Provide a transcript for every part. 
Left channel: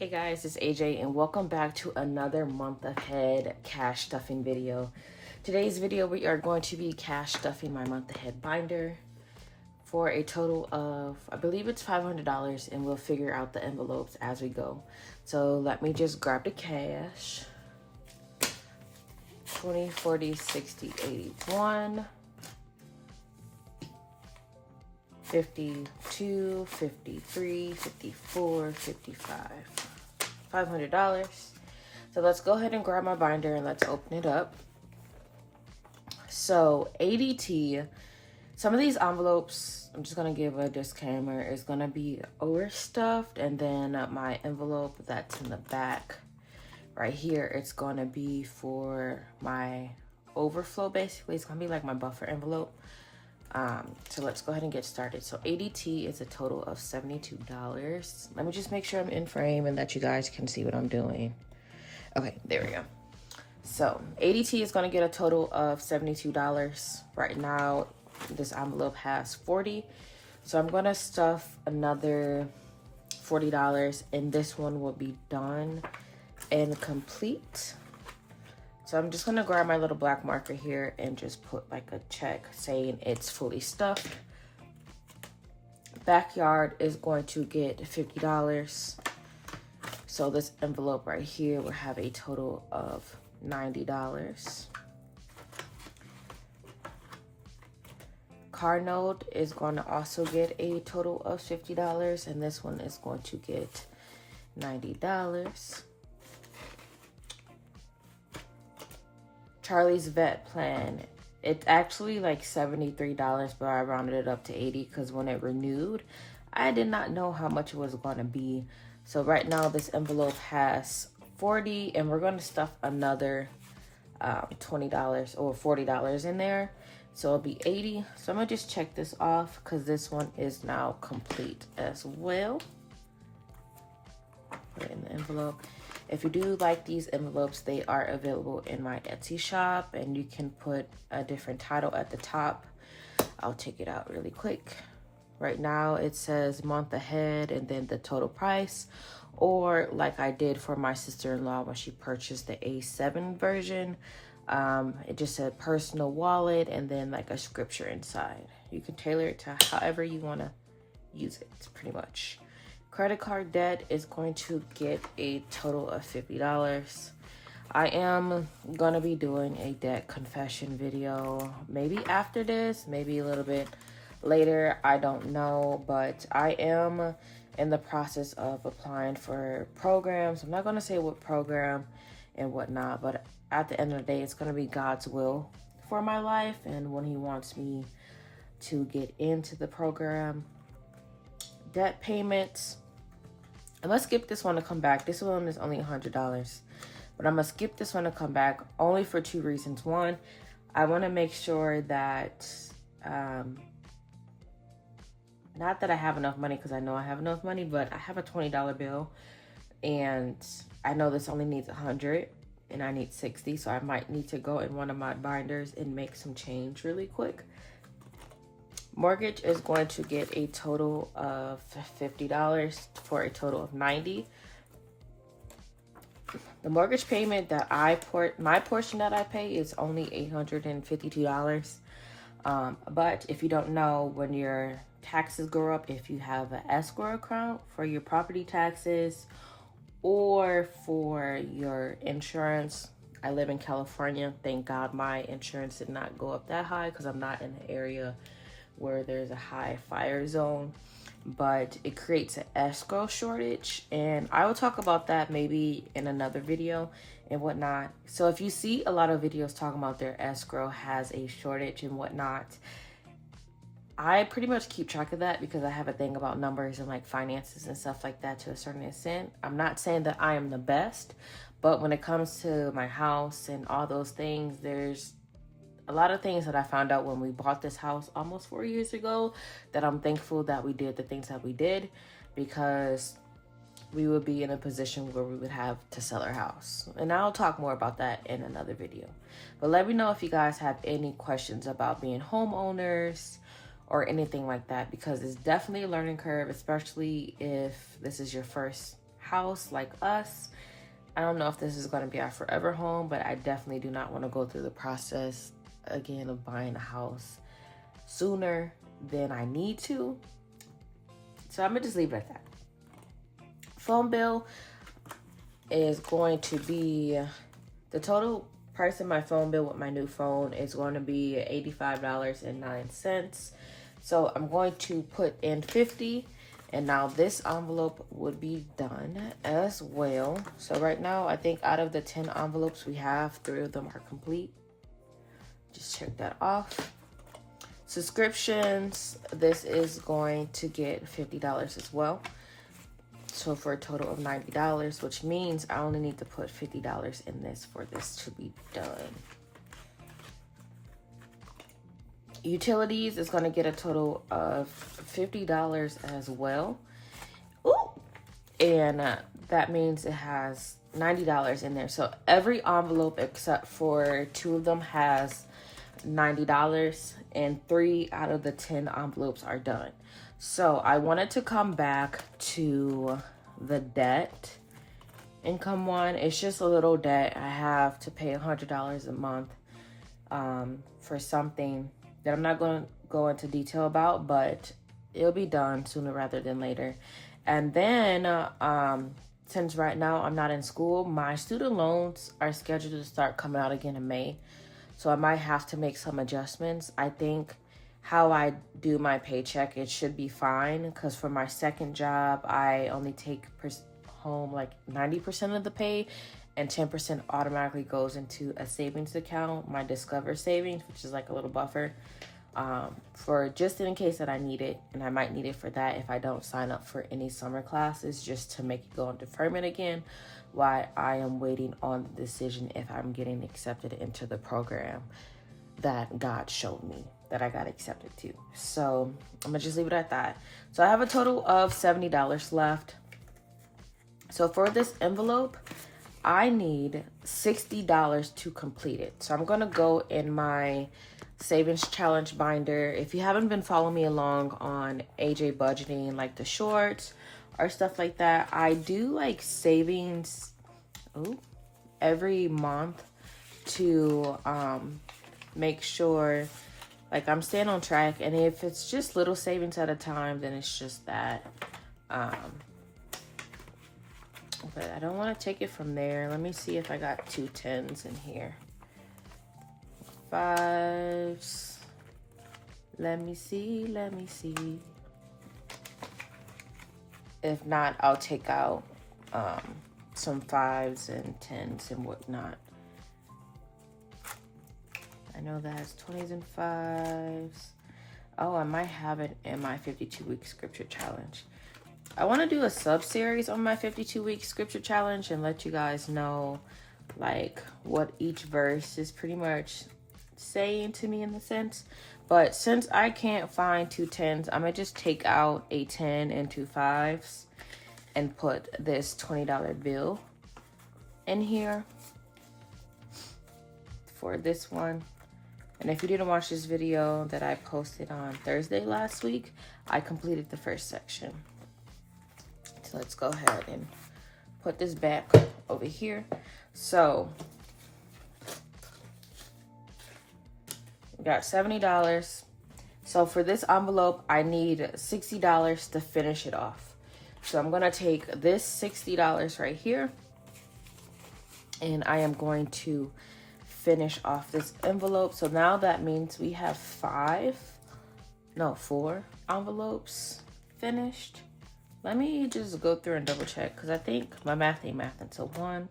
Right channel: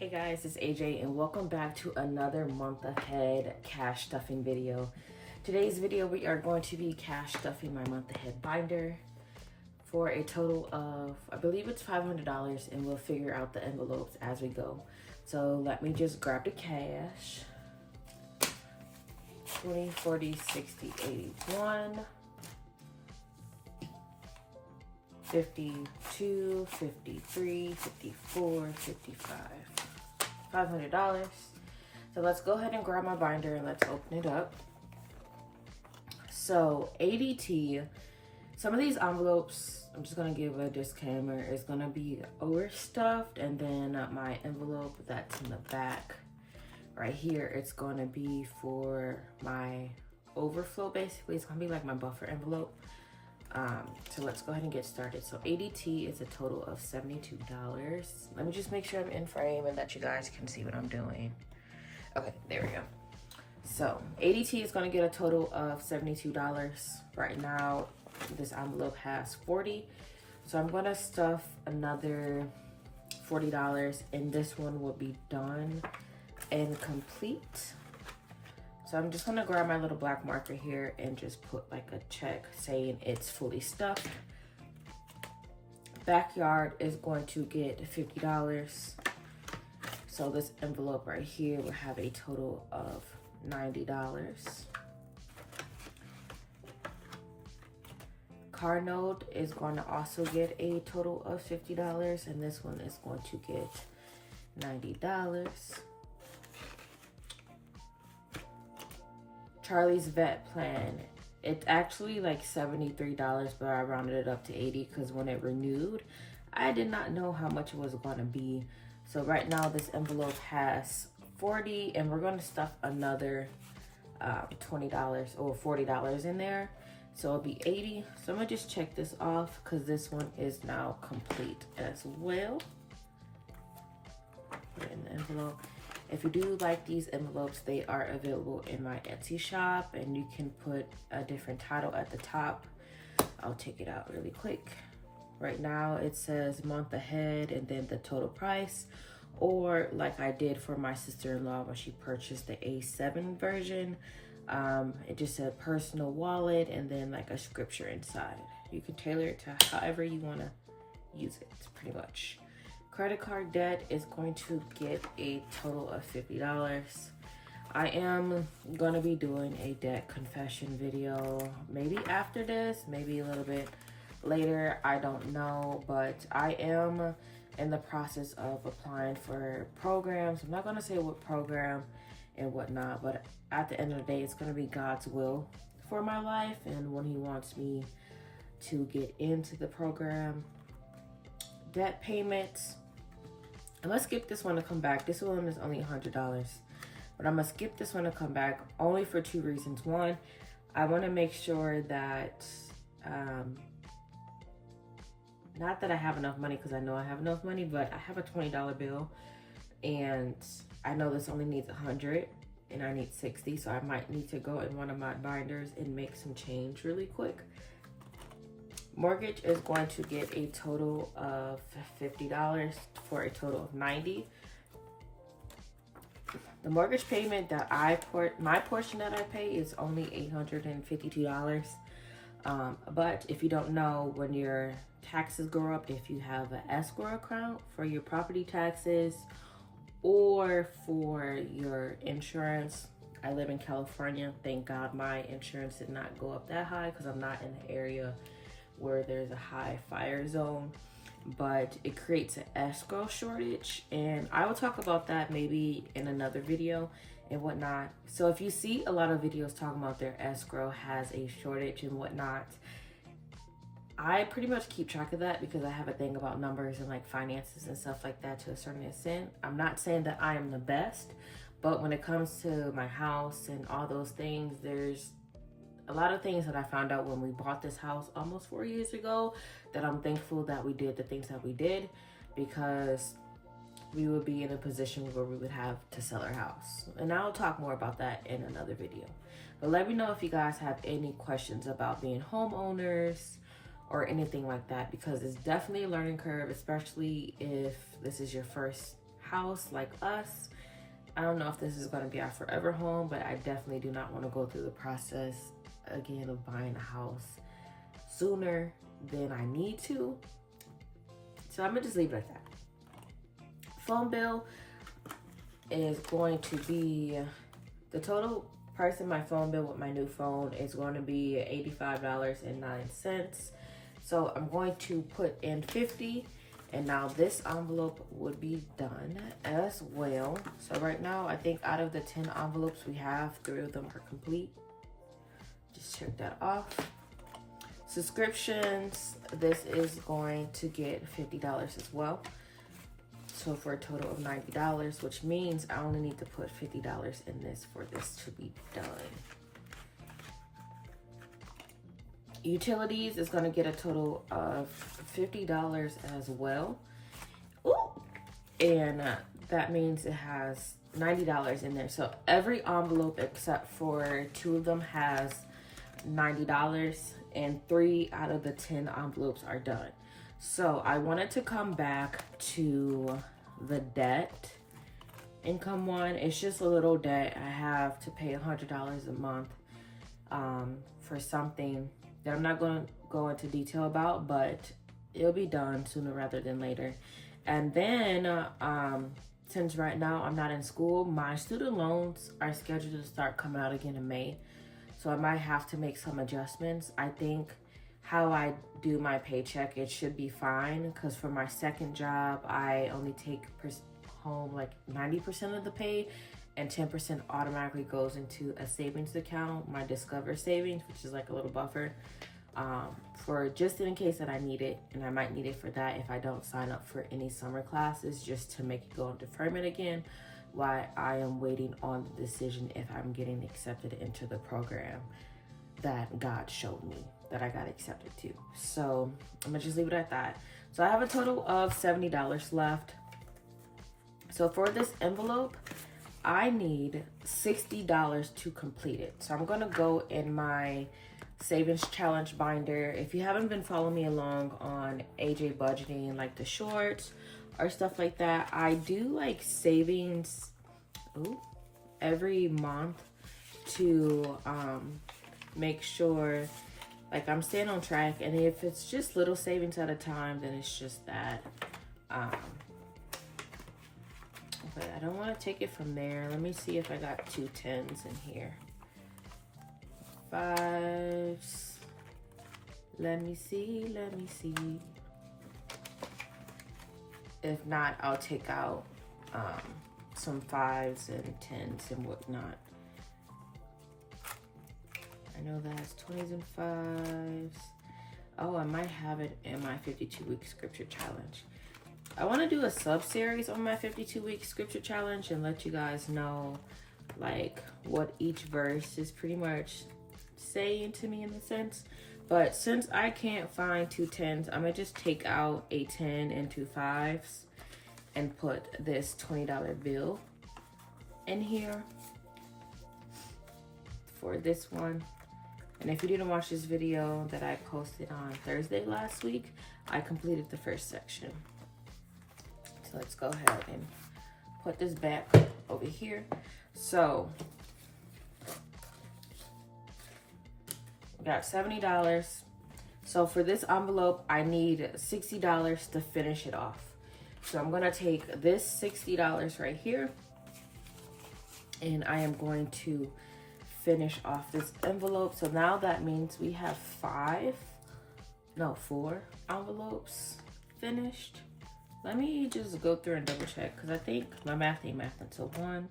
Hey guys, it's AJ and welcome back to another month ahead cash stuffing video. Today's video we are going to be cash stuffing my month ahead binder for a total of, I believe it's $500, and we'll figure out the envelopes as we go. So let me just grab the cash. 20, 40, 60, 81, 52, 53, 54, 55. $500. So let's go ahead and grab my binder and let's open it up. So ADT, some of these envelopes, I'm just gonna give a disclaimer, is gonna be overstuffed, and then my envelope that's in the back right here, it's gonna be for my overflow. Basically, it's gonna be like my buffer envelope. So let's go ahead and get started. So ADT is a total of $72. Let me just make sure I'm in frame and that you guys can see what I'm doing. Okay, there we go. So ADT is going to get a total of $72. Right now, this envelope has 40. So I'm going to stuff another $40, and this one will be done and complete. So I'm just gonna grab my little black marker here and just put like a check saying it's fully stuffed. Backyard is going to get $50. So this envelope right here will have a total of $90. Car note is going to also get a total of $50, and this one is going to get $90. Charlie's vet plan, it's actually like $73, but I rounded it up to 80 because when it renewed, I did not know how much it was going to be. So right now this envelope has 40, and we're going to stuff another $20 or $40 in there, so it'll be 80. So I'm gonna just check this off because this one is now complete as well. Put it in the envelope. If you do like these envelopes, they are available in my Etsy shop, and you can put a different title at the top. I'll take it out really quick. Right now it says month ahead and then the total price, or like I did for my sister-in-law when she purchased the A7 version, it just said personal wallet and then like a scripture inside. You can tailor it to however you want to use it, pretty much. Credit card debt is going to get a total of $50. I am going to be doing a debt confession video, maybe after this, maybe a little bit later, I don't know, but I am in the process of applying for programs. I'm not going to say what program and whatnot, but at the end of the day, it's going to be God's will for my life and when he wants me to get into the program. Debt payments, I'm gonna skip this one to come back. This one is only $100, but I'm gonna skip this one to come back only for two reasons. One, I want to make sure that not that I have enough money, because I know I have enough money, but I have a $20 bill and I know this only needs 100 and I need 60, so I might need to go in one of my binders and make some change really quick. Mortgage is going to get a total of $50 for a total of $90. The mortgage payment that my portion that I pay is only $852. But if you don't know, when your taxes go up, if you have an escrow account for your property taxes or for your insurance, I live in California. Thank God my insurance did not go up that high because I'm not in the area where there's a high fire zone, but it creates an escrow shortage, and I will talk about that maybe in another video and whatnot. So if you see a lot of videos talking about their escrow has a shortage and whatnot, I pretty much keep track of that because I have a thing about numbers and like finances and stuff like that to a certain extent. I'm not saying that I am the best, but when it comes to my house and all those things, there's a lot of things that I found out when we bought this house almost 4 years ago that I'm thankful that we did the things that we did, because we would be in a position where we would have to sell our house. And I'll talk more about that in another video. But let me know if you guys have any questions about being homeowners or anything like that, because it's definitely a learning curve, especially if this is your first house like us. I don't know if this is going to be our forever home, but I definitely do not want to go through the process again of buying a house sooner than I need to. So I'm gonna just leave it at that. Phone bill is going to be, the total price of my phone bill with my new phone is going to be $85.09. So I'm going to put in 50, and now this envelope would be done as well. So right now, I think out of the 10 envelopes we have, 3 of them are complete. Just check that off. Subscriptions, this is going to get $50 as well. So for a total of $90, which means I only need to put $50 in this for this to be done. Utilities is going to get a total of $50 as well. Ooh. And that means it has $90 in there. So every envelope except for 2 of them has $90, and 3 out of the 10 envelopes are done. So I wanted to come back to the debt income one. It's just a little debt. I have to pay $100 a month for something that I'm not going to go into detail about, but it'll be done sooner rather than later. And then since right now I'm not in school, my student loans are scheduled to start coming out again in May. So I might have to make some adjustments. I think how I do my paycheck, it should be fine, because for my second job, I only take home like 90% of the pay, and 10% automatically goes into a savings account, my Discover Savings, which is like a little buffer, for just in case that I need it, and I might need it for that if I don't sign up for any summer classes, just to make it go on deferment again, while I am waiting on the decision if I'm getting accepted into the program that God showed me that I got accepted to. So I'm gonna just leave it at that. So I have a total of $70 left. So for this envelope, I need $60 to complete it. So I'm gonna go in my savings challenge binder. If you haven't been following me along on AJ budgeting, like the shorts or stuff like that, I do like savings every month to make sure like I'm staying on track. And if it's just little savings at a time, then it's just that. But I don't want to take it from there. Let me see if I got 2 10s in here. 5s. Let me see. If not, I'll take out some 5s and 10s and whatnot. I know that has 20s and 5s. Oh, I might have it in my 52-week scripture challenge. I want to do a sub-series on my 52-week scripture challenge and let you guys know like what each verse is pretty much saying to me in a sense. But since I can't find 2 10s, I'm going to just take out a 10 and 2 5s and put this $20 bill in here for this one. And if you didn't watch this video that I posted on Thursday last week, I completed the first section. So let's go ahead and put this back over here. So we got $70. So for this envelope, I need $60 to finish it off. So I'm gonna take this $60 right here, and I am going to finish off this envelope. So now that means we have 4 envelopes finished. Let me just go through and double check, because I think my math ain't mathing. So 1,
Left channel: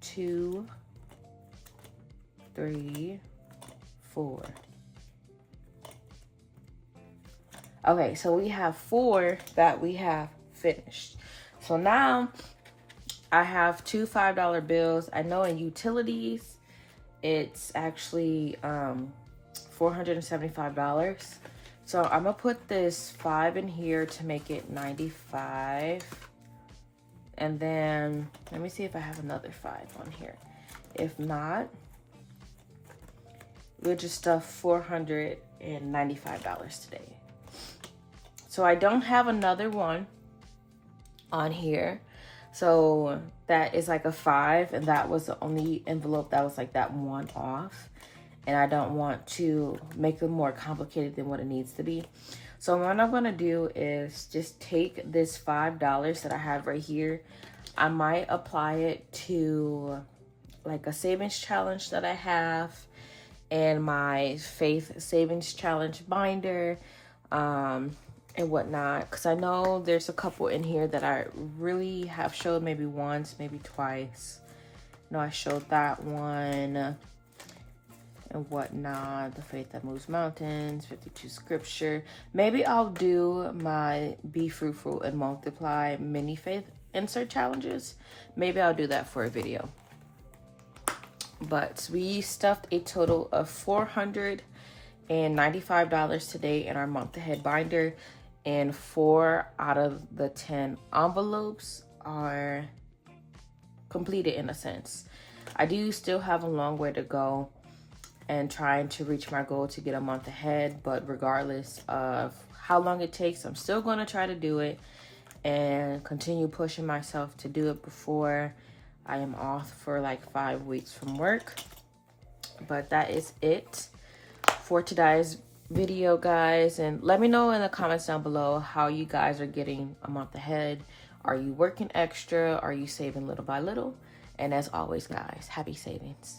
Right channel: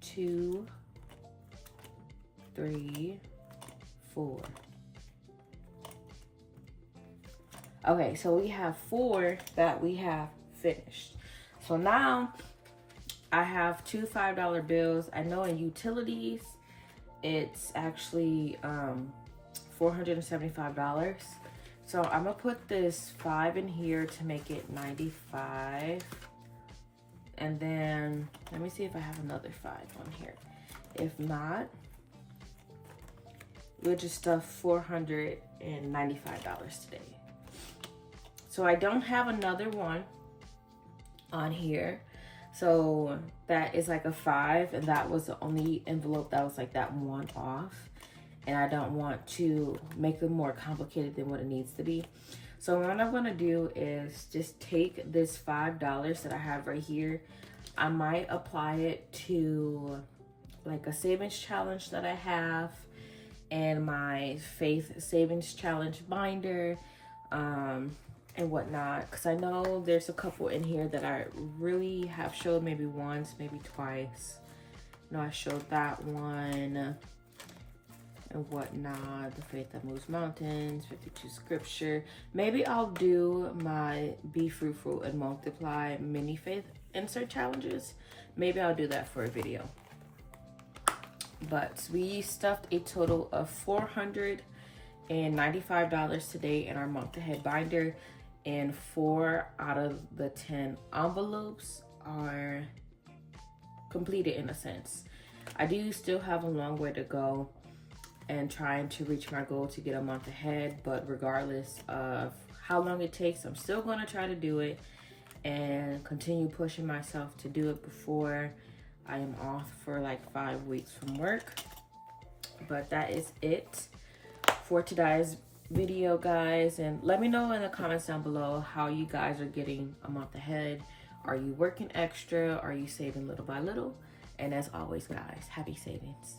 2, 3, 4. Okay, so we have 4 that we have finished. So now I have 2 $5 bills. I know in utilities, it's actually $475. So I'm gonna put this 5 in here to make it 95. And then let me see if I have another 5 on here. If not, we'll just stuff $495 today. So I don't have another one on here. So that is like a 5, and that was the only envelope that was like that one off. And I don't want to make it more complicated than what it needs to be. So what I'm gonna do is just take this $5 that I have right here. I might apply it to like a savings challenge that I have, and my Faith Savings Challenge binder, and whatnot, because I know there's a couple in here that I really have showed maybe once, maybe twice. No, I showed that one and whatnot. The Faith That Moves Mountains, 52 Scripture. Maybe I'll do my Be Fruitful and Multiply mini faith insert challenges. Maybe I'll do that for a video. But we stuffed a total of $495 today in our month ahead binder, and 4 out of the 10 envelopes are completed in a sense. I do still have a long way to go and trying to reach my goal to get a month ahead, but regardless of how long it takes, I'm still going to try to do it and continue pushing myself to do it before I am off for like 5 weeks from work. But that is it for today's video, guys. And let me know in the comments down below how you guys are getting a month ahead. Are you working extra? Are you saving little by little? And as always, guys, happy savings.